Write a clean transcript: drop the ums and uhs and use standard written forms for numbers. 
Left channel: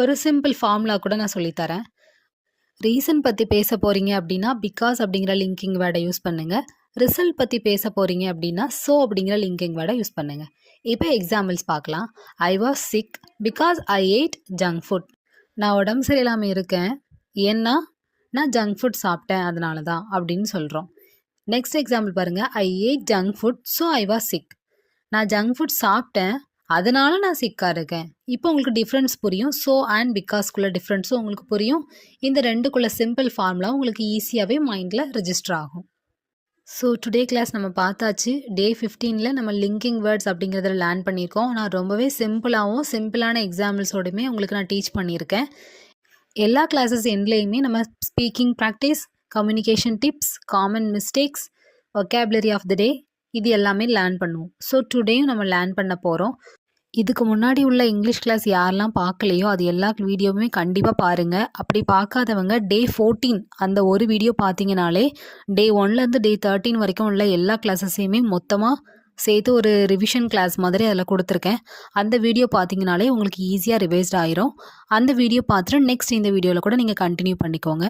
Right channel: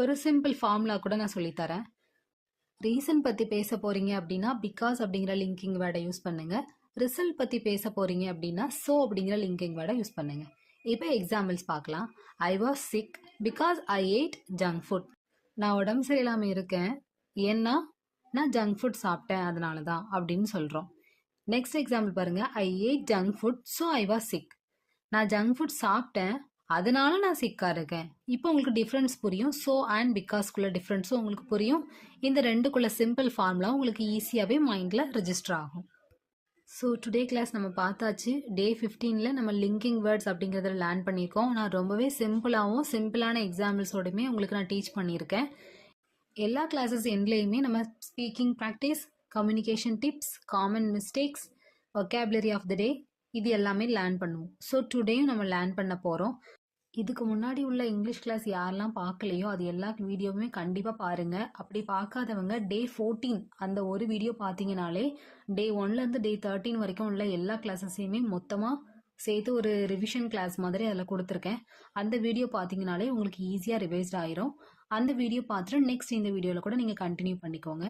ஒரு simple formula கூட நான் சொல்லி தரேன். ரீசன் பத்தி பேச போறீங்க அப்படின்னா, பிகாஸ் அப்படிங்கிற லிங்கிங் வேர்ட யூஸ் பண்ணுங்க. ரிசல்ட் பத்தி பேச போறீங்க அப்படின்னா, சோ அப்படிங்கிற லிங்கிங் வேர்ட யூஸ் பண்ணுங்க. இப்போ எக்ஸாம்பிள்ஸ் பார்க்கலாம். I was sick because I ate junk food. நான் உடம்பு சரியில்லாம இருக்கேன். ஏன்னா, நான் ஜங்க் ஃபுட் சாப்பிட்டேன் அதனால தான் அப்படின்னு சொல்றோம். நெக்ஸ்ட் எக்ஸாம்பிள் பாருங்க. I ate junk food so I was sick. நான் ஜங்க் ஃபுட் சாப்பிட்டேன் அதனால நான் சிக்காக இருக்கேன். இப்போ உங்களுக்கு டிஃப்ரென்ஸ் புரியும். ஸோ அண்ட் பிகாஸ்க்குள்ள டிஃப்ரென்ஸும் உங்களுக்கு புரியும். இந்த ரெண்டுக்குள்ள சிம்பிள் ஃபார்முலா உங்களுக்கு ஈஸியாகவே மைண்டில் ரெஜிஸ்டர் ஆகும். ஸோ டுடே கிளாஸ் நம்ம பார்த்தாச்சு. டே 15ல் நம்ம லிங்கிங் வேர்ட்ஸ் அப்படிங்கிறத லேர்ன் பண்ணியிருக்கோம். நான் ரொம்பவே சிம்பிளாகவும் சிம்பிளான எக்ஸாம்பிள்ஸோடையுமே உங்களுக்கு நான் டீச் பண்ணியிருக்கேன். எல்லா கிளாஸஸ் எண்ட்லேயுமே நம்ம speaking practice, communication tips, common mistakes, vocabulary of the day இது எல்லாமே லேர்ன் பண்ணுவோம். ஸோ டுடேயும் நம்ம லேர்ன் பண்ண போகிறோம். இதுக்கு முன்னாடி உள்ள இங்கிலீஷ் கிளாஸ் யாரெல்லாம் பார்க்கலையோ அது எல்லா வீடியோவுமே கண்டிப்பாக பாருங்கள். அப்படி பார்க்காதவங்க டே 14 அந்த ஒரு வீடியோ பார்த்தீங்கனாலே டே 1லேருந்து டே 13 வரைக்கும் உள்ள எல்லா கிளாஸஸையுமே மொத்தமாக சேர்த்து ஒரு ரிவிஷன் கிளாஸ் மாதிரி அதில் கொடுத்துருக்கேன். அந்த வீடியோ பார்த்தீங்கனாலே உங்களுக்கு ஈஸியாக ரிவைஸ்ட் ஆயிரும். அந்த வீடியோ பார்த்துட்டு நெக்ஸ்ட் இந்த வீடியோவில் கூட நீங்கள் கண்டினியூ பண்ணிக்கோங்க.